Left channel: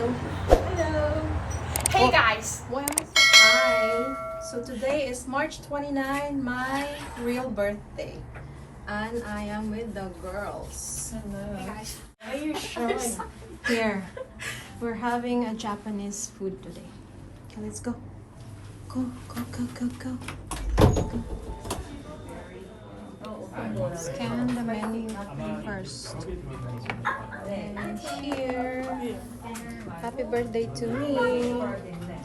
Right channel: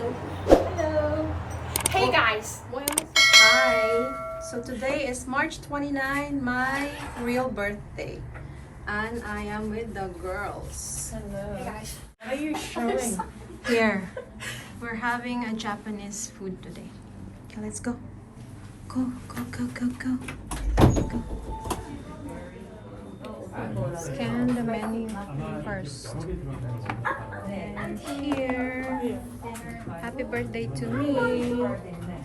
Hello. Hello. Hey guys. Hi. So today is March 29, my real birthday. And I am with the girls. Hello. Hey guys. What are you showing? Here. We're having a Japanese food today. Okay, let's go. Go, go, go, go, go. Go. Scan the menu first. And here. Happy birthday to me.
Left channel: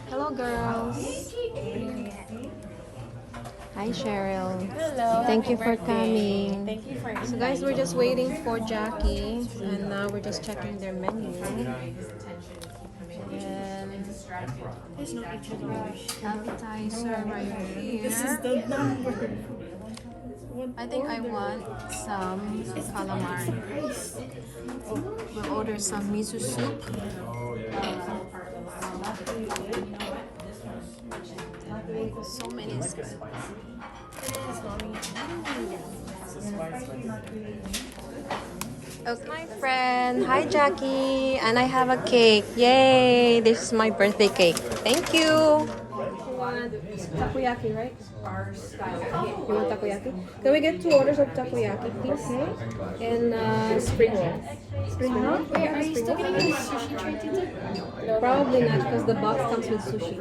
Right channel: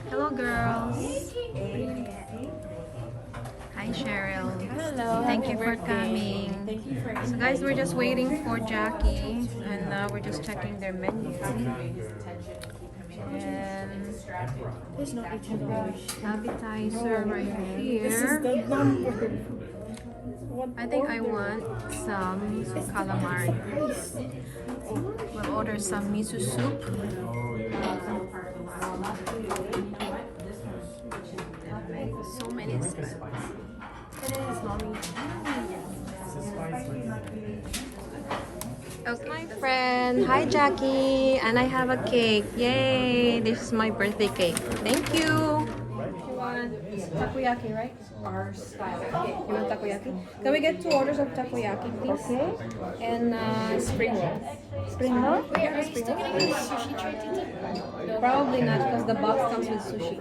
Hello, girls. Hi, Cheryl. Hello. Thank you for coming. Thank you for So, guys, we're just waiting for Jackie, and now we're just checking their menu. And appetizer right here. This is the number. I think I want some calamari. We'll order some miso soup. So many spots. Okay, my friend. Hi, Jackie. And I have a cake. Yay! This is my birthday cake. Thank you. You want takoyaki, right? You want takoyaki? Can we get 2 orders of takoyaki, please? And spring roll. Spring roll? Yeah, spring roll. Probably not because the box comes with sushi.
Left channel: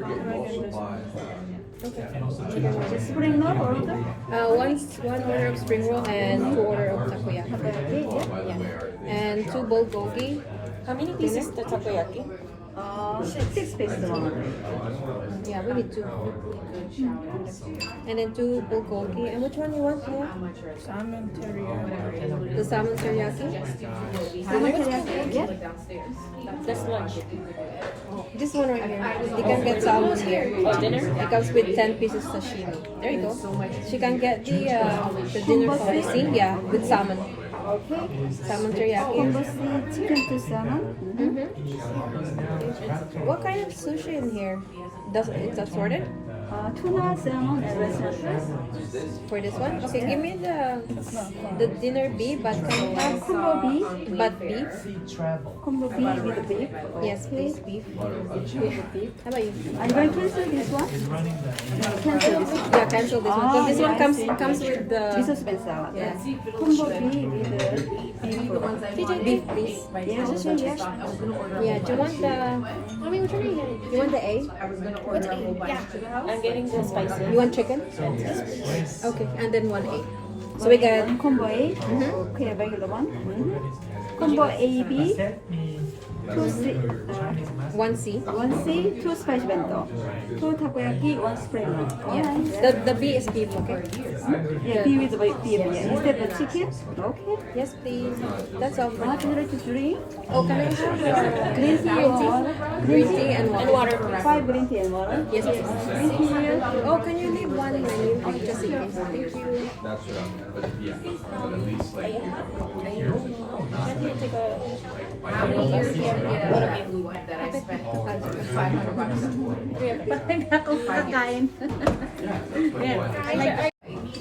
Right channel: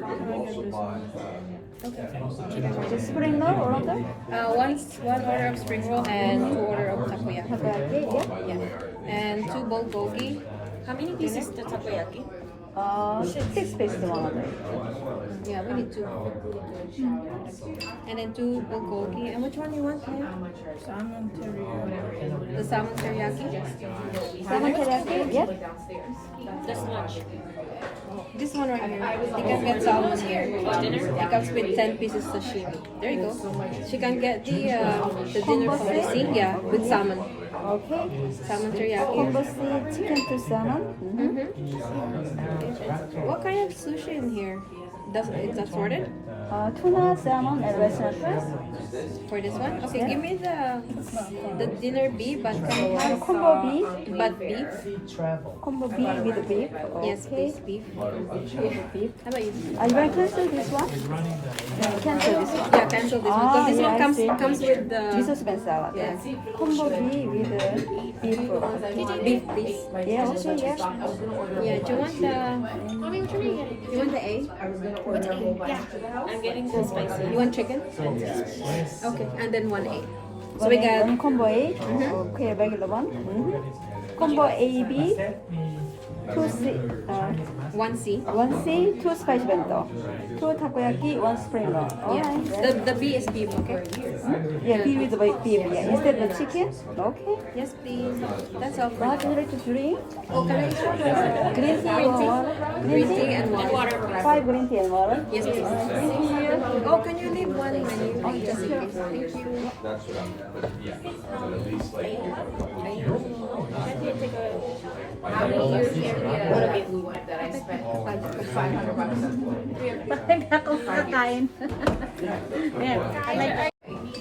Okay. Spring roll order? One order of spring roll and 2 order of takoyaki. Yeah. And 2 bulgogi. How many pieces the takoyaki? 6 pieces long. Yeah, we need 2. And then 2 bulgogi. And which one you want, Maya? Salmon teriyaki. The salmon teriyaki? Salmon teriyaki? Yeah. That's lunch. This one right here. You can get salmon here. Dinner? It comes with 10 pieces sashimi. There you go. She can get the dinner policy, yeah, with salmon. Salmon teriyaki. Chicken to salmon. What kind of sushi in here? It's assorted? Tuna, salmon, and restaurant. For this one? Okay, give me the dinner beef, but can you have Combo beef. but beef? Combo beef with beef. Yes, please, beef. How about you? Are you going to cancel this one? No, cancel this one. Yeah, cancel this one because this one comes with the Miso salad. yeah. Combo beef with beef. Beef, please. Yeah, okay, yeah. Yeah, do you want the you want the A? I'm getting the spicy. You want chicken? Okay, and then 1 A. So we got combo A. Okay, regular one. Combo AB. 1 C. 1 C, 2 spice bento, 2 takoyaki, 1 spring roll. Yeah. The B is beef, okay? Yeah, beef with the beef. Yeah. Instead the chicken. Okay. Yes, please. That's all for What now. would you like to drink? Oh, can I have Green tea. green tea and water? 5 green tea and water. Yes, please. Thank you. Oh, can you leave one menu just in case? Thank you. Can you take a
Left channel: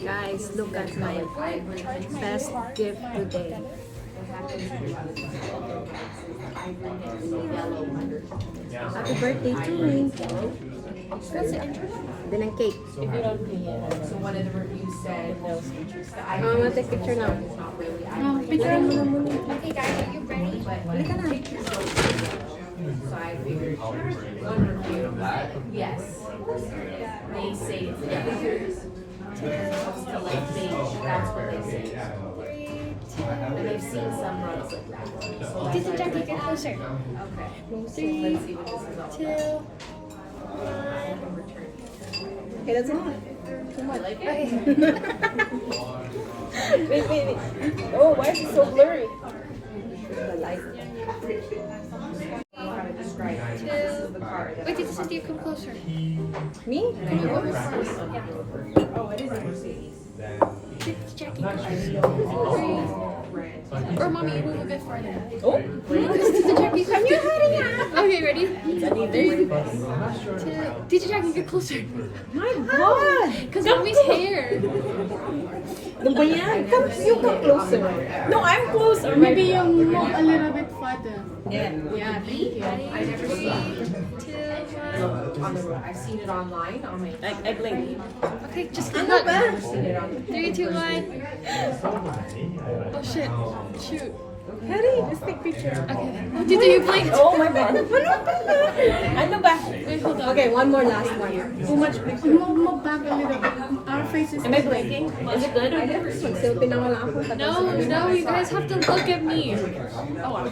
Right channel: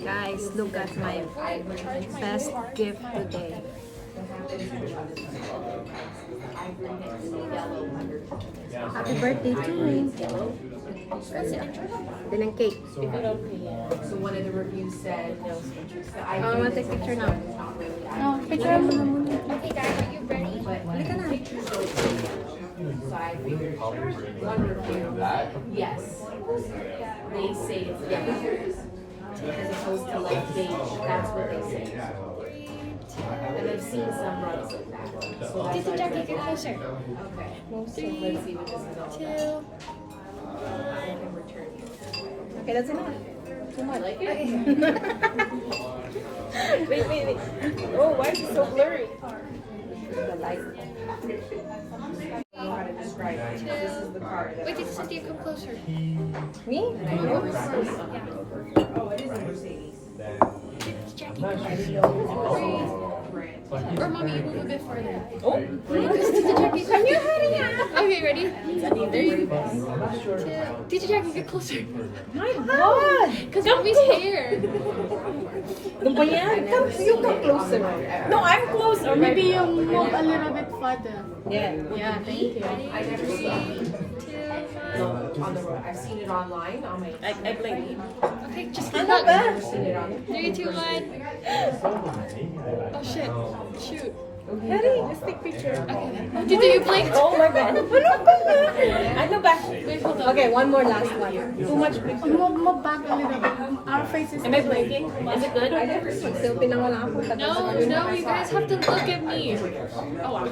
Guys, look at my best gift today. Happy birthday to me. Then a cake. if you don't pay it. So one of the reviews said No interest. I want to take picture now. No, picture. but pictures don't say yes. So I figured one review, yes. They say it's yes. As opposed to like they, that's what they say. And I've seen some runs like that. So Did the Jackie get closer? okay. So 3, let's see what this is all 2. about. I can return it. Okay, that's enough. Too much. Like it? Wait. Oh, why is it so blurry? The light. How to describe it. This is the part. Wait, did Cynthia come closer? Me? Oh, it is a Mercedes. Did Jackie? I didn't know Or mommy, move a bit farther. Oh, Can you hurry up? Okay, ready? very Did Jackie get closer? My God! Because mommy's hair. Ano ba yan? You come closer. No, I'm close. Or Maybe a little bit flight then. Yeah. Yeah, thank you. I never seen on the road. I've seen it online on my. I blink. Okay, just Ano keep ba? up. I've seen it on. 3, 2, 1. Oh shit. Shoot. Harry, let's take picture. Did you blink? Oh my god. Ano ba? Ano ba? Wait, hold on. Okay, one more last one. Too much picture. Back a little bit. Our faces. Am I blinking? Is it good? Mag-selfie na wala ako. No, you guys have to look at me. Oh, wow.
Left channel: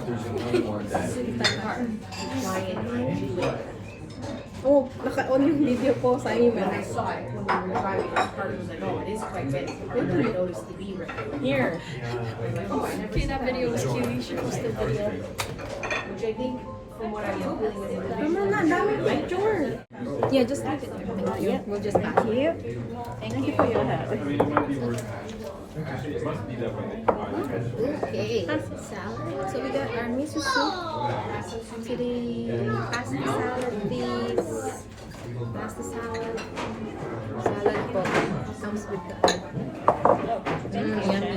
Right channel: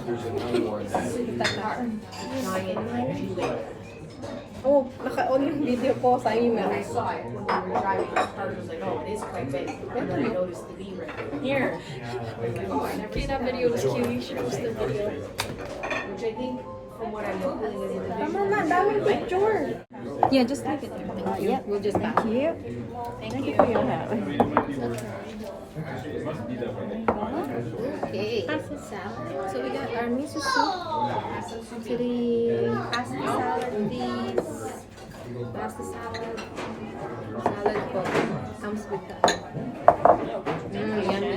Oh, naka-on yung video ko sa inyo. When I saw it when we were driving, I was like, oh, it is quite big. And then I noticed the B right Here. Okay, that video was cute. You should post the video. which I think from what I'm feeling is a Tama na, daming picture. Yeah, just take it. Yeah, we'll just pass. Thank you. Thank you for your help. Okay, salad. So we got our miso soup. To the pasta salad, please. Pasta salad. Salad po. Comes with the... Thank you. Yummy.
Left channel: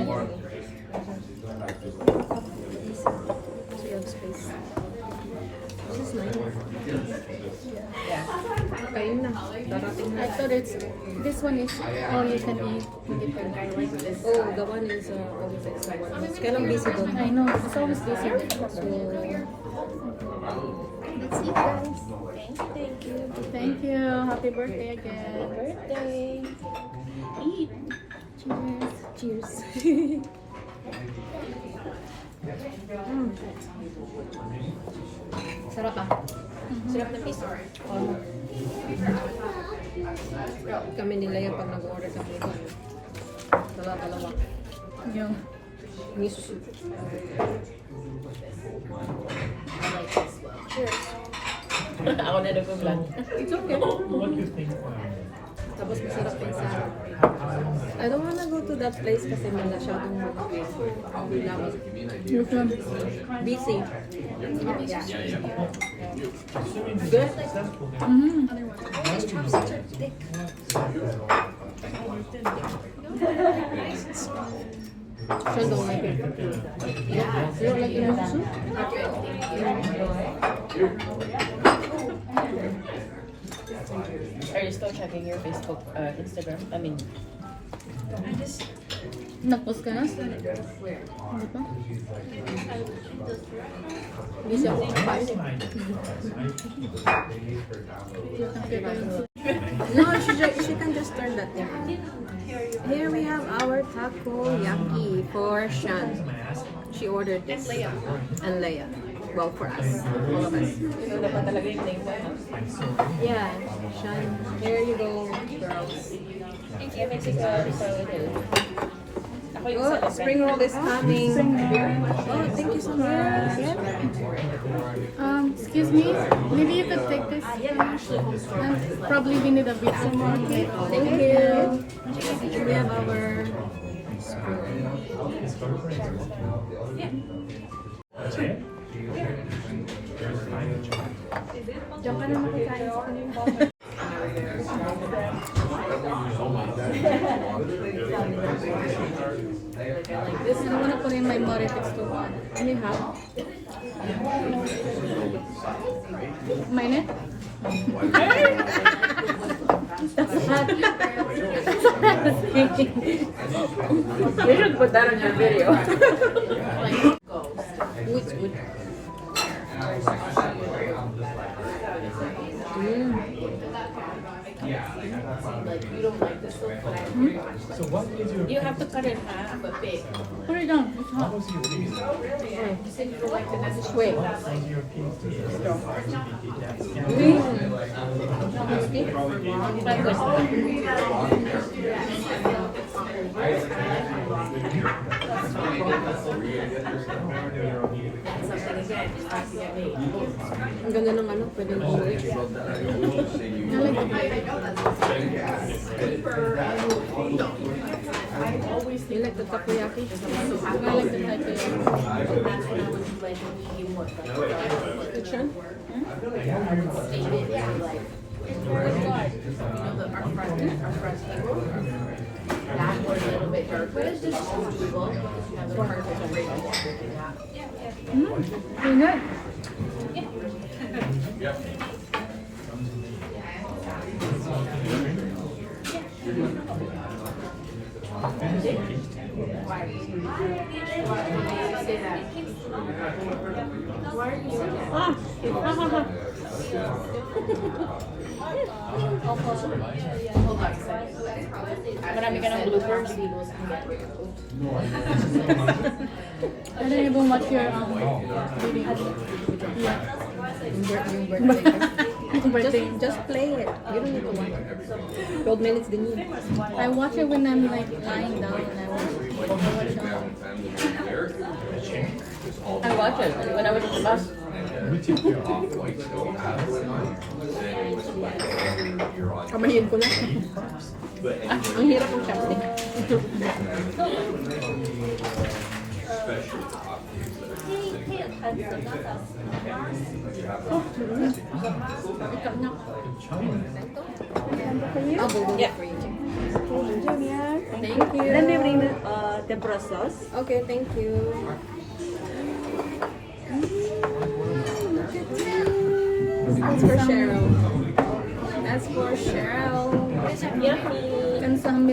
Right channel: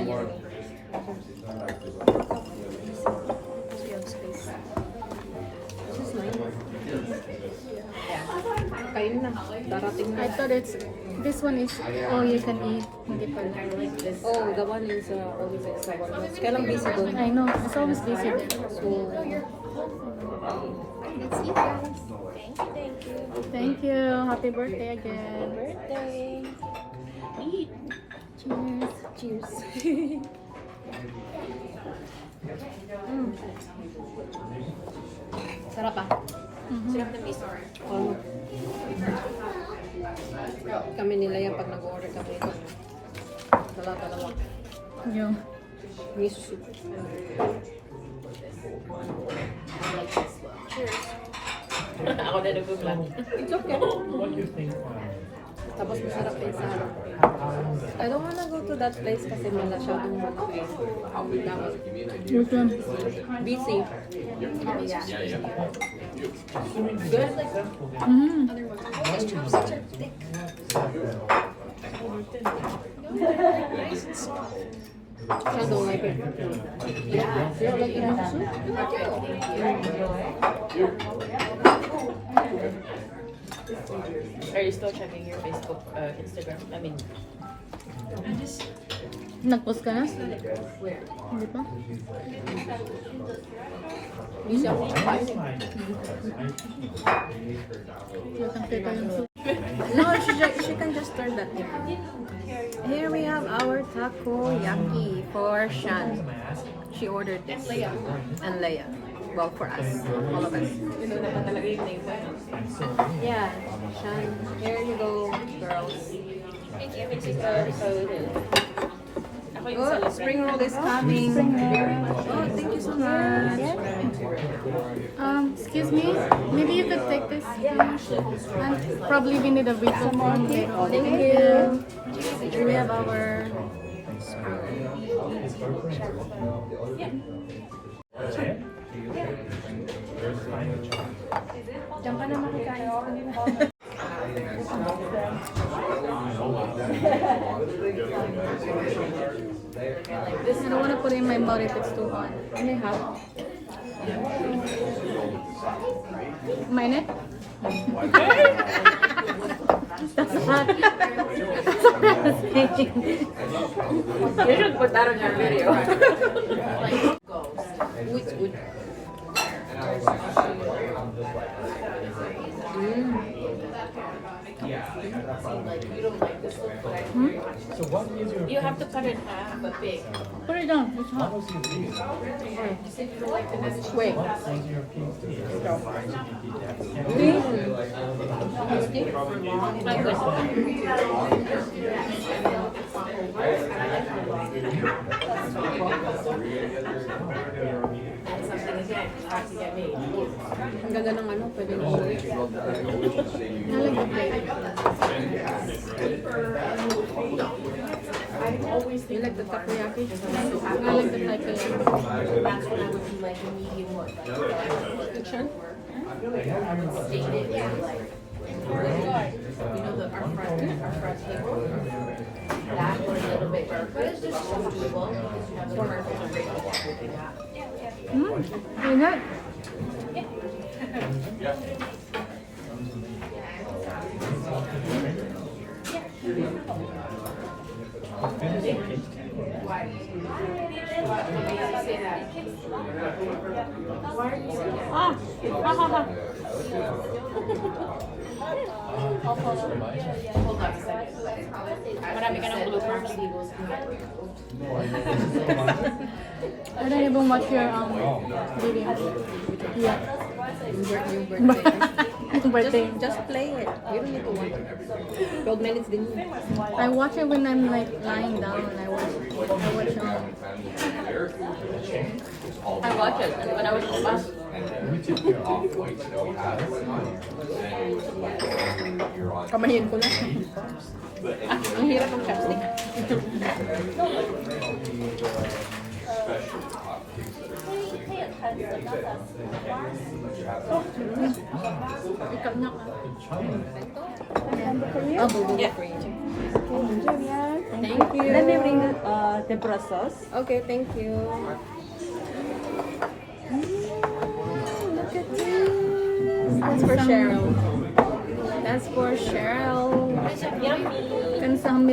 So you have space. This is mine. Yeah. Kain na. Darating na. I thought this one is all you can eat. Hindi pa like this. Oh, the one is always extra one. Mas kailang busy doon. I know, it's always busy. So, let's eat, guys. Thank you. Thank you. Happy birthday again. Birthday. Eat. Cheers. Cheers. Sarap ah. Sarap na miso. Oh. Kami nila yan pag nag-order kami. Dalawa. Yung. Miso soup. Cheers. Ako na nag-vlog. It's okay. Tapos masarap din sa harap. I don't wanna go to that place kasi masyadong Which one? busy. Good? I don't like it. You don't like it also? Are you still checking your Facebook, Instagram? I mean, Nag-post ka na? Hindi pa? Busy ako. Kita yung soup. No, she can just turn that in. Here we have our takoyaki for Shan. She ordered this. And Leia. Well, for us. All of us. ito dapat talaga yung name mo. Yeah. Shan. Here you go, girls. I mean, sa hotel. Ako yung Oh, spring roll is coming. Oh, thank you so much. Excuse me, maybe you could take this. Probably we need a bit some more. Okay? Thank you. Here we have our Diyan ka na makikain sa kanila. This is one put in my mouth if it's too hot. Ano yung hot? Minute? You should put that on your video. It's good. You have to cut it in half. Put it down, it's hot. Wait. My question. Ang ganda ng ano, pwede mo ulit. You like the takoyaki? Which one? Good. Ah! Ha ha ha! Marami ka ng bloopers. I don't even watch your video. Yeah. Yung birthday. Birthday. Just play it. You don't need to watch it. 12 minutes din yun. I watch it when I'm like lying down and I watch it. I watch it when I was in the bus. Kamahin ko na. Ang hirap ng chopstick. Oh, Bulgogi for you. Thank you. Let me bring tempura sauce. Okay, thank you. Look at this. That's for Cheryl. That's for Cheryl. Yummy. And some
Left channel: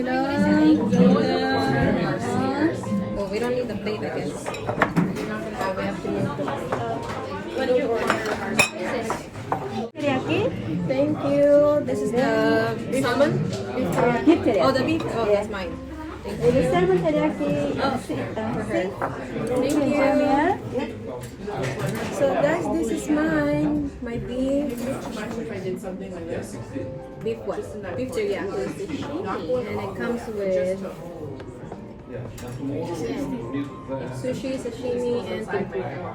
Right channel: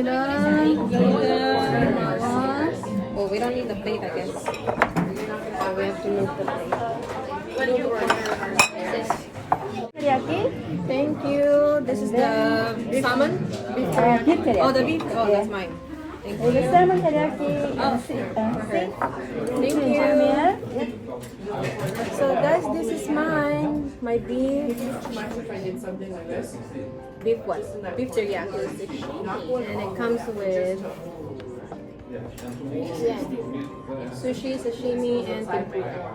Oh, we don't need the plate, I guess. So we have to move the plate. What did you order? Teriyaki. Thank you. This is the salmon. Beef teriyaki. Oh, the beef. Oh, that's mine. Thank The you. salmon teriyaki. Thank you. So guys, this is mine. My beef. Beef what? Beef teriyaki. And it comes with sushi, sashimi, and tempura.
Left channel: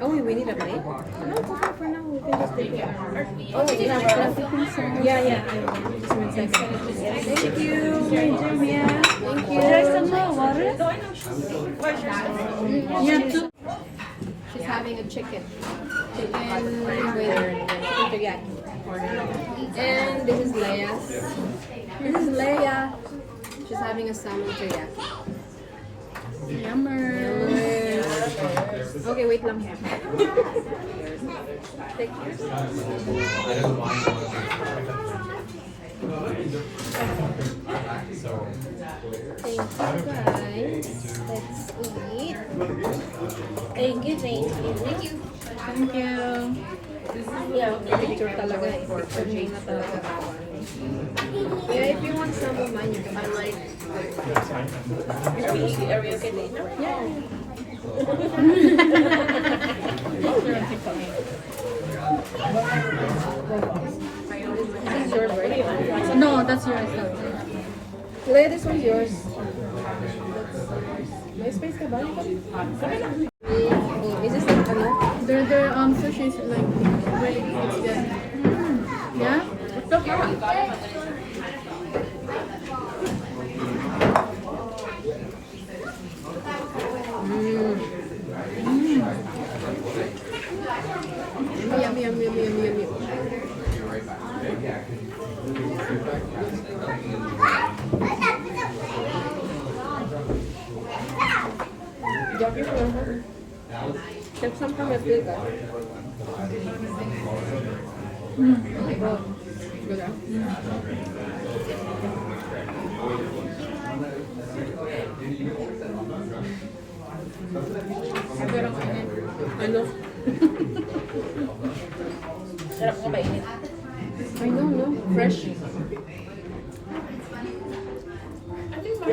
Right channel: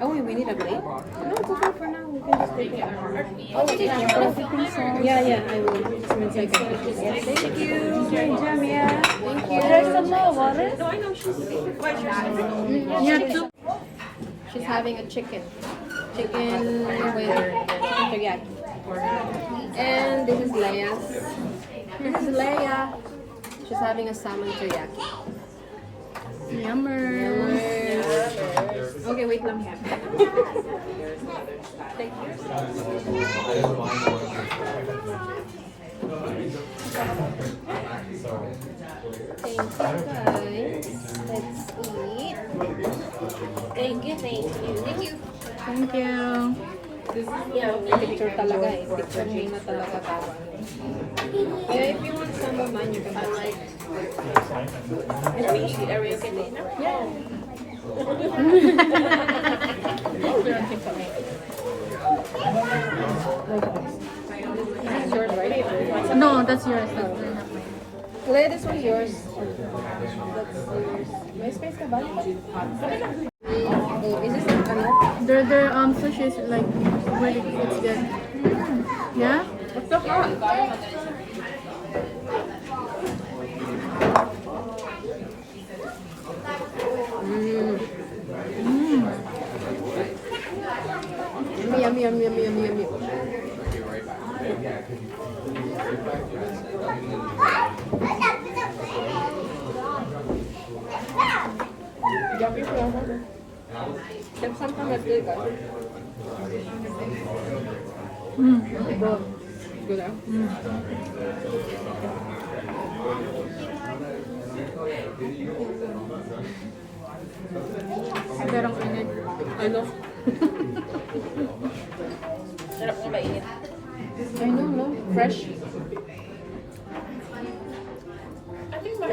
Oh, we need a plate? No, it's okay for now. We can just take it. Oh, we have to. Yeah. I will. Just 1 second. Thank you. Thank you. There's some more water. No, I know she's. What's yours? Yeah, two. She's having a chicken. Chicken with teriyaki. And this is Leia's. This is Leia. She's having a salmon teriyaki. Yummers. Okay, wait lang. Take Thank you guys. Let's eat. Thank you, thank you. Thank you. Thank you. Yeah, Picture talaga eh. Picture muna talaga tayo. Yeah, if you want some of mine, you can have it. Are we okay later? This is yours, right? No, that's yours. Leia, this one's yours. That's yours. May space ka ba? Oh, this is like ano? Their sushi is like great. It's good. Yeah? What's the hot? Yummy. Yummy for us. That's something that's good, guys. Good, huh? Pero kainin. Ano? Sarap na mainit. I know, no? Fresh. I think my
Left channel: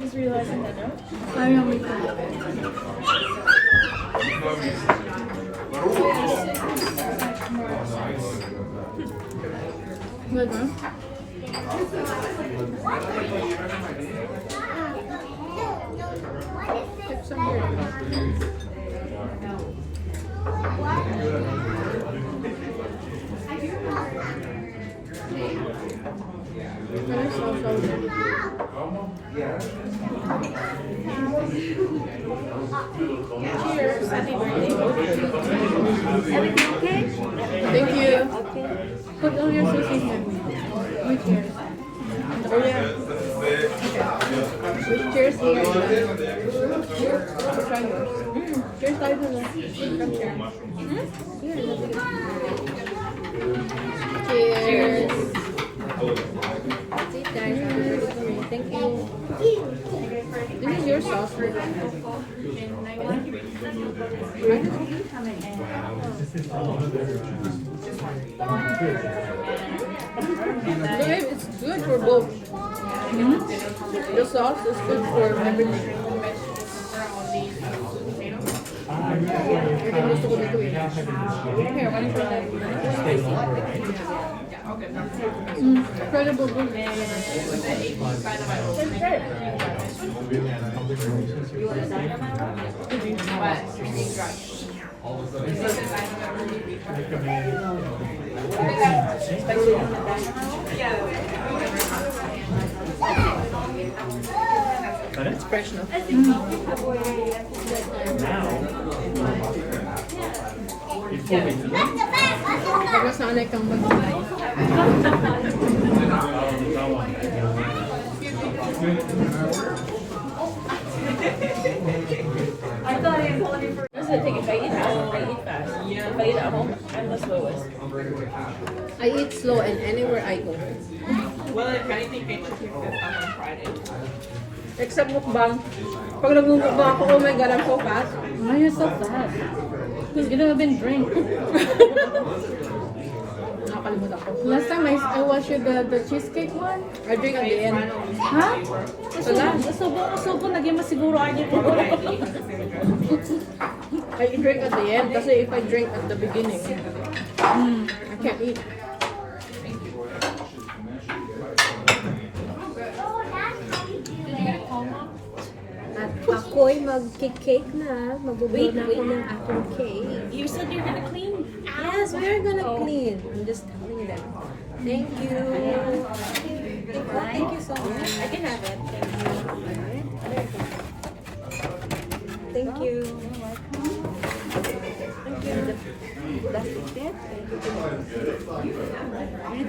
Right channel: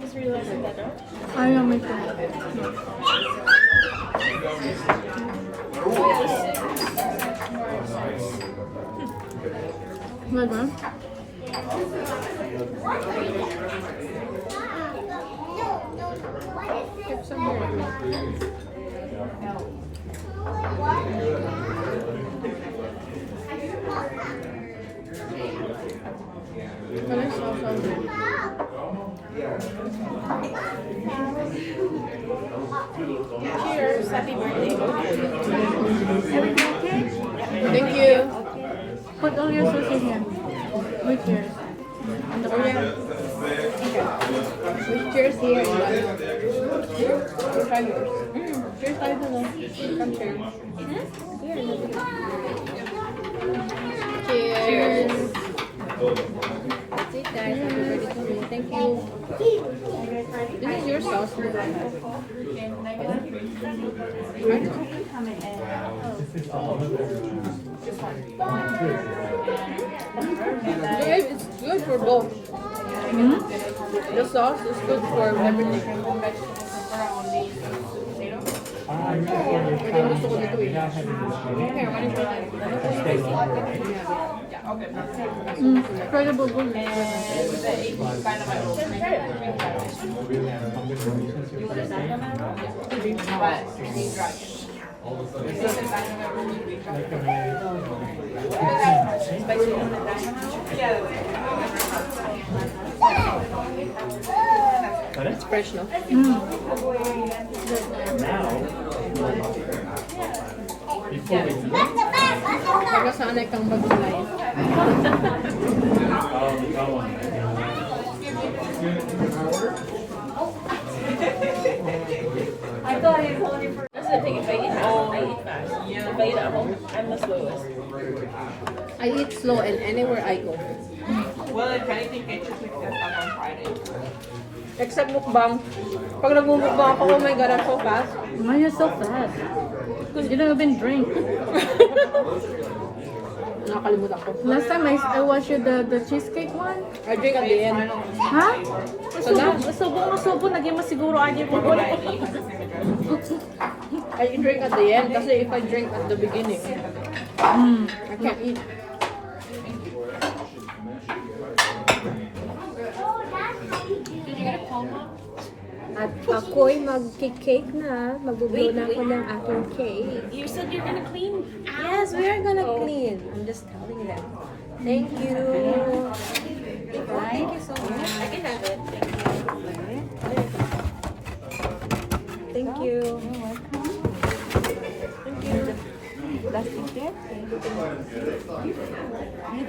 just realizing that, no? I am with Good, huh? Get some more. Cheers. Happy birthday. Everything okay? Thank you. Okay. Put all your sushi here. With yours. Oh, Here's tayo na. Come here. Cheers. Take that. Thank you. This is your sauce. It's good for both. The sauce is good for everything. Gusto ko nito eh. Here, why don't you try that? Incredible good. It's fresh, no? Nagkasanay kang mag-inay. That's the thing. If I eat at home, I eat fast. If I eat at home, I'm the slowest. I eat slow and anywhere I go. Well, if anything, pictures will come on Friday. Except mukbang. Pag nagmumukbang ako, oh my god, I'm so fast. Why are you so fast? Because you never been drink. Nakakalimutan ko. Last time I watched you the cheesecake one. I drink at the end. Ha? Salam. Sobo, naging mo siguro ID ko. I drink at the end kasi if I drink at the beginning, I can't eat. At ako'y mag-cake na. Mag-blow na ako ng aking cake. You said you're gonna clean. Yes, we're gonna clean. I'm just telling you that. Thank you. Thank you so much. I can have it. Thank you. Thank you.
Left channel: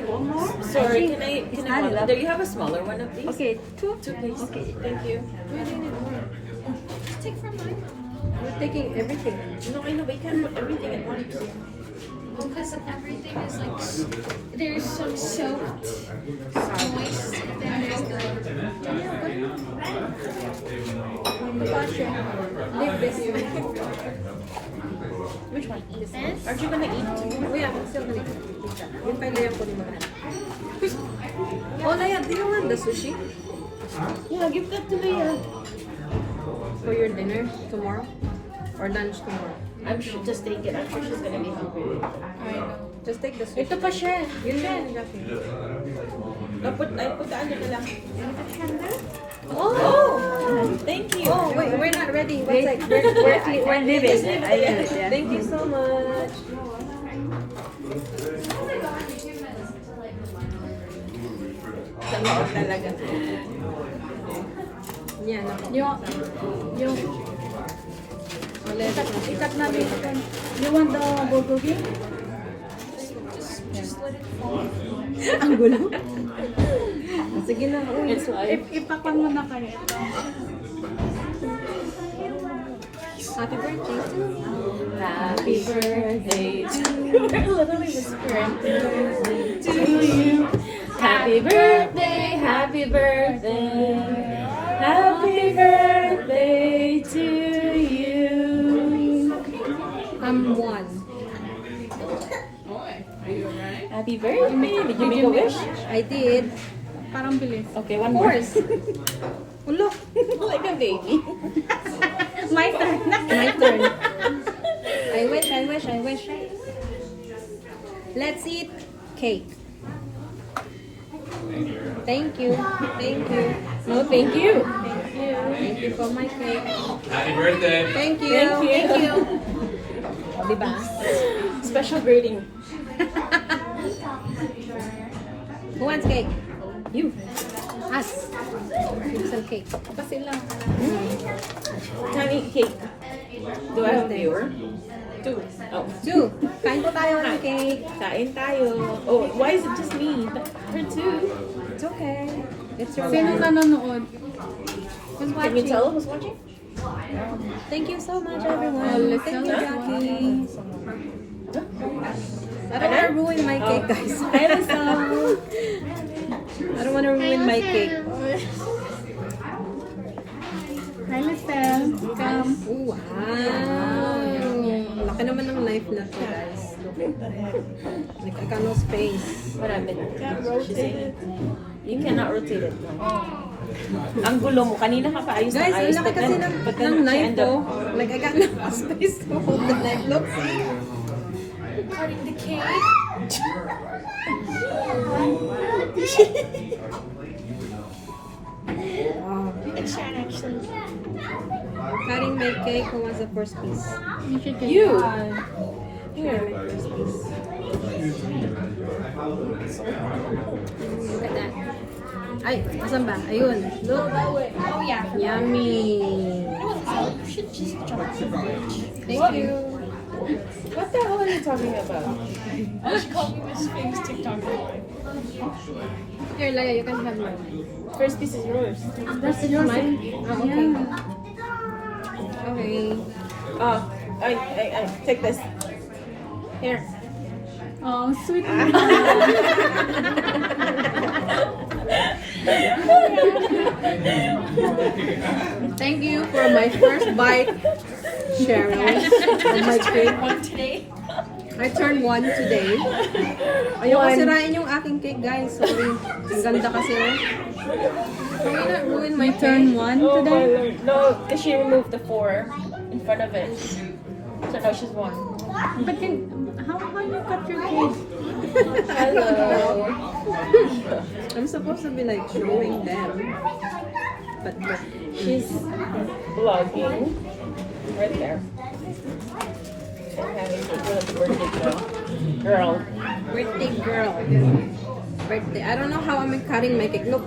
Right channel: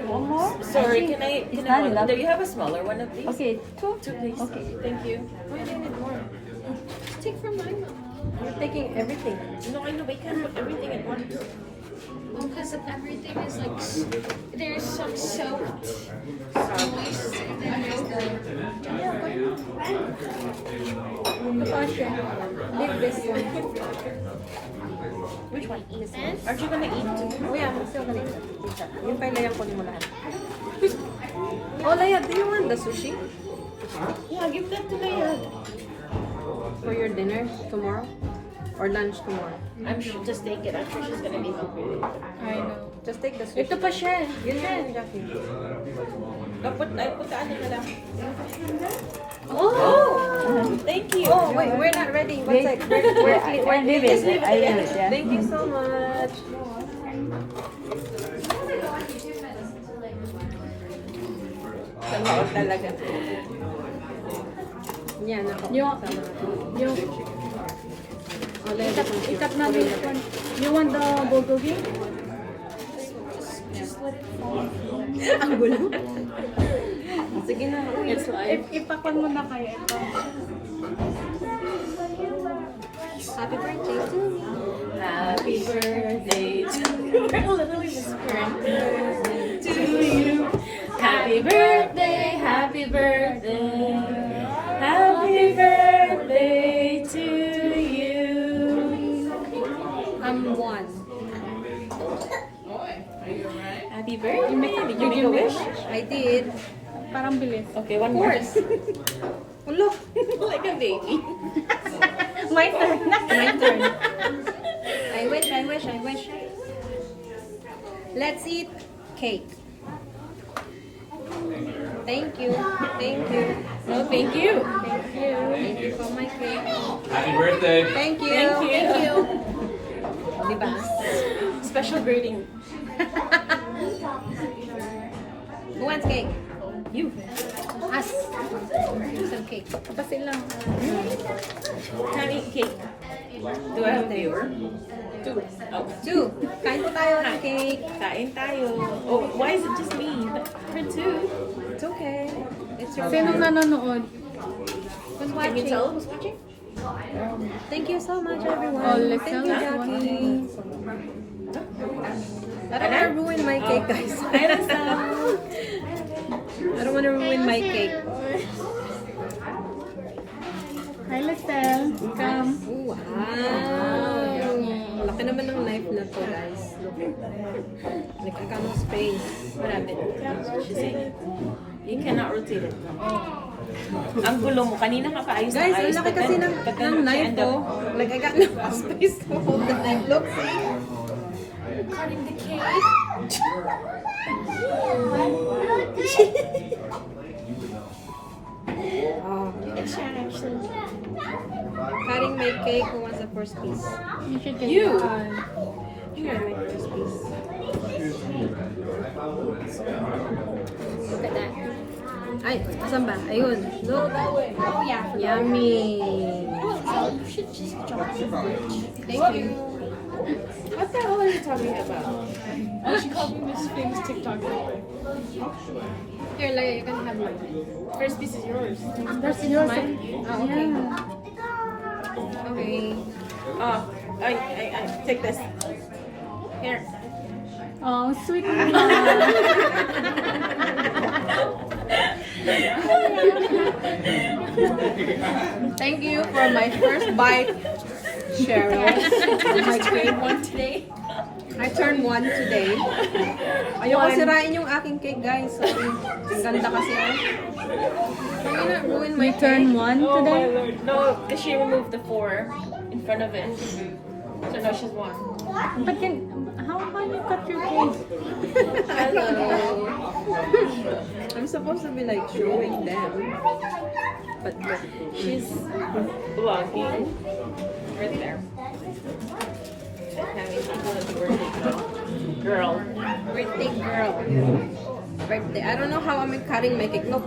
One more? Sorry, can I not enough. do you have a smaller one of these? Okay, two? Two, please. Okay. Thank you. Take from mine. We're taking everything. No, I know, but you can't put everything at once. Because everything is like, there's some soaked. Leave this one. Which one? Aren't you gonna eat? Oh yeah, I'm still gonna eat that. Yung pailayan ko mo lahat. Oh, Laya, do you want the sushi? Yeah, give that to Leia. For your dinner tomorrow? Or lunch tomorrow? I'm sure, just take it. I'm sure she's gonna be hungry. I know. Just take the sushi. Ito pa siya. Yeah, exactly. I put the ano na lang. Oh! Thank you. Oh, wait, we're not ready. One sec. We're leaving. Ayan. Thank you so much. Sama ko talaga. Yan, ako. Yung, itap natin. You want the bulgogi? Ang gulo. Sige na, uy. It's live. Ipakan mo na kayo ito. Happy birthday to you. Happy birthday to you. Literally whispering. To you. Happy birthday, happy birthday. Happy birthday to you. I'm one. Happy birthday. Did you make a wish? I did. Parang bilis. Okay, one Of course. Ulo. Like a baby. My turn. My turn. I wish. Let's eat cake. Thank you. No, thank you. Thank you for my cake. Happy birthday! Thank you. Thank you. O, diba? Special greeting. Who wants cake? You. Us. Some cake. Kasi lang. Tiny cake. Do I have viewer? Two. Oh. 2. Kain po tayo ng cake. Kain tayo. Oh, why is it just me? Her too. It's okay. It's your Sino life. nanonood? Kasi who's Can you watching. tell who's watching? Thank you so much, everyone. Thank you, Jackie. I don't want to ruin my cake, guys. Hi, Lisa. I don't want to ruin my cake. Hi, Lisel. Oh, wow. Laki naman ng knife na to, guys. Look. Nagkakano space. What happened? You cannot rotate it. Ang gulo mo. Kanina ka pa ayos Guys, na ang ayos. laki kasi ng knife ko. Like, I got no space to hold the knife. Look. Wow. Cutting my cake. Who wants the first piece? You should get You. Here, my first piece. Look at that. Ay, asan ba? Ayun. Look. Yummy. Thank you. What the hell are you talking about? She called me Miss Famous TikToker. Here, Laya, you can have mine. First piece is yours. This is mine? Oh, okay. Okay. Oh, I take this. Here. Oh, sweet. Thank you for my first bite, Cheryl, of my cake. I turned one today. Ayoko sirain yung aking cake, guys. Sorry. Ang ganda kasi, oh. Can you not ruin my Turn cake? one Oh today. my Lord. No, because she removed the 4 in front of it. So now she's 1. But how you cut your cake? I don't know. I'm supposed to be like showing them. But look. She's vlogging right there. So having one of the birthday girl. Birthday girl. Birthday. I don't know how I'm cutting my cake. Look.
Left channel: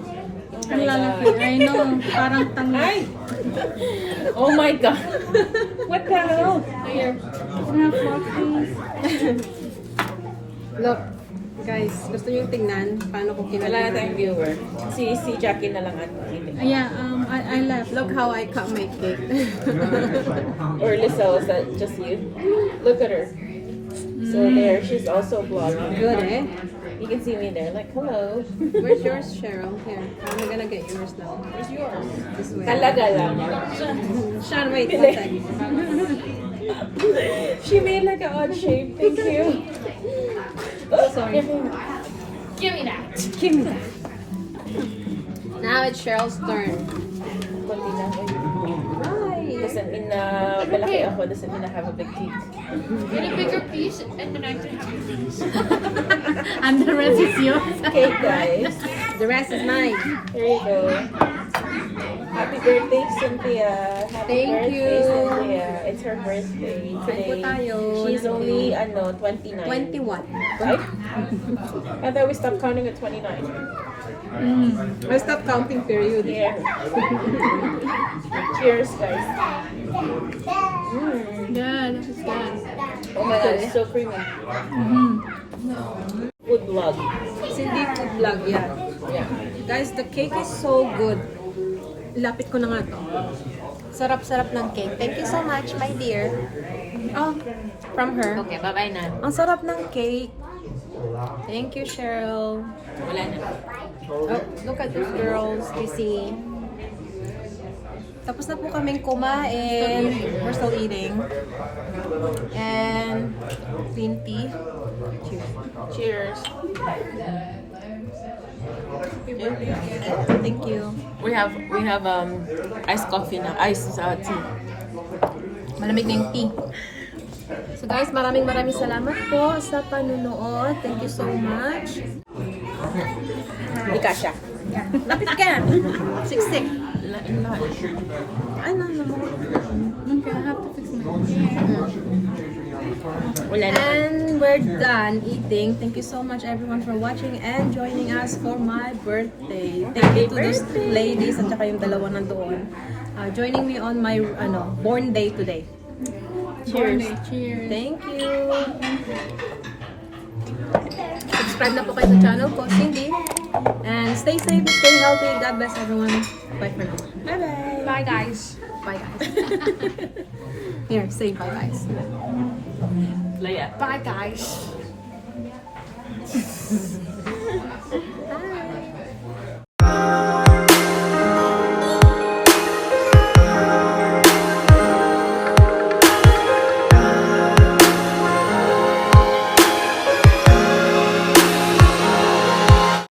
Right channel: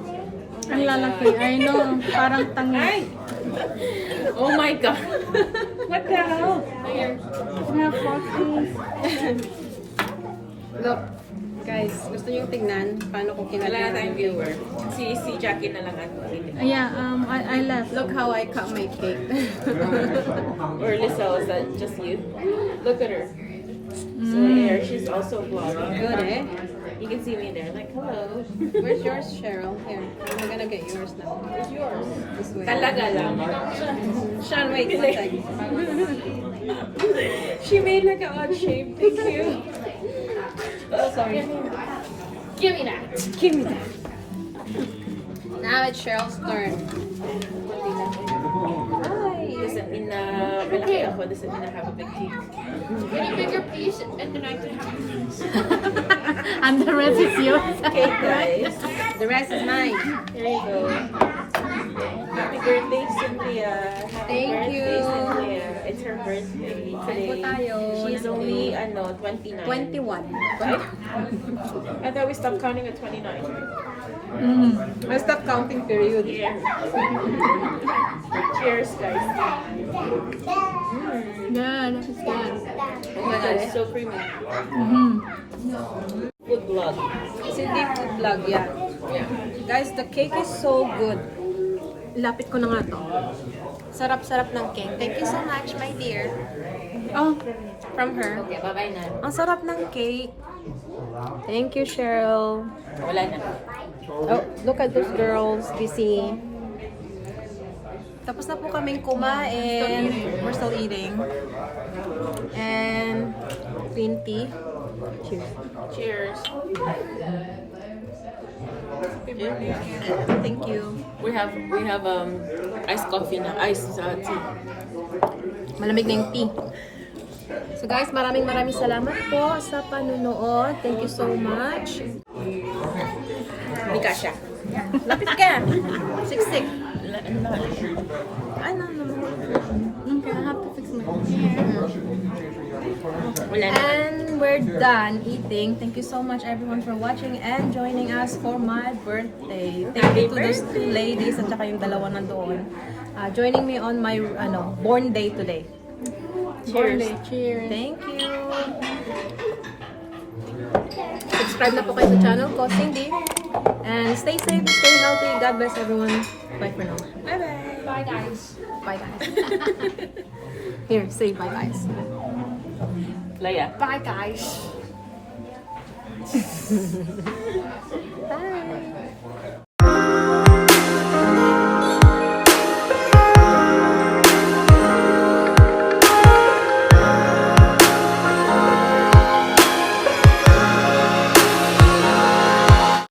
Oh Ang my lalaki. God. I know. Parang tanga. Hi. Oh my God. What the hell? Here. Mga floppies. Look. Guys, gusto niyo tingnan paano ko Wala na kinagawa. tayong viewer. Si Jackie na lang at Yeah, I left. Look how I cut my cake. Or Lisa, was that just you? Look at her. So there, she's also vlogging. Good, eh? You can see me there, like, hello. Where's yours, Cheryl? Here. I'm gonna get yours now. This way. Talaga lang. Sean, wait. One sec. She made like an odd shape. Thank you. Oh, sorry. Give me that. Give me that. Now it's Cheryl's turn. Konti lang. Hi. Doesn't mean na malaki ako. Doesn't mean I have a big teeth. Any bigger piece and then I can have a piece. And the rest is yours. Okay, guys. The rest is mine. Here you go. Happy birthday, Cynthia. Happy Thank birthday, you. Cynthia. It's her birthday Kain po today. tayo. She's ng only, cake. 29. 21. Right? I thought we stopped counting at 29. I stopped counting period. Yeah. Cheers, guys. Yeah, that is good. Oh my God, it's so creamy. Food vlog. Cindy food vlog, yeah. Yeah. Guys, the cake is so good. Lapit ko na nga to. Sarap-sarap ng cake. Thank you so much, my dear. Oh, from her. Okay, bye-bye na. Ang sarap ng cake. Thank you, Cheryl. Wala na. Oh, look at those girls, Kissy. Tapos na po kaming kumain. We're still eating. And green tea. Cheers. Cheers. Thank you. We have iced coffee now. Iced tea. Malamig na yung tea. So guys, maraming salamat po sa panunood. Thank you so much. Hindi ka siya. Lapit ka! Siksik! Ay, no. Okay, I'll have to fix my Wala na. And we're done eating. Thank you so much everyone for watching and joining us for my birthday. Thank you to those two ladies at saka yung dalawa na doon. Joining me on my born day today. birthday. Cheers. Thank you! Subscribe na po kayo sa channel ko, Cindy. And stay safe, stay healthy. God bless everyone. Bye for now. Bye-bye! bye guys. Bye guys. Here, say bye guys. Like Bye guys. Bye.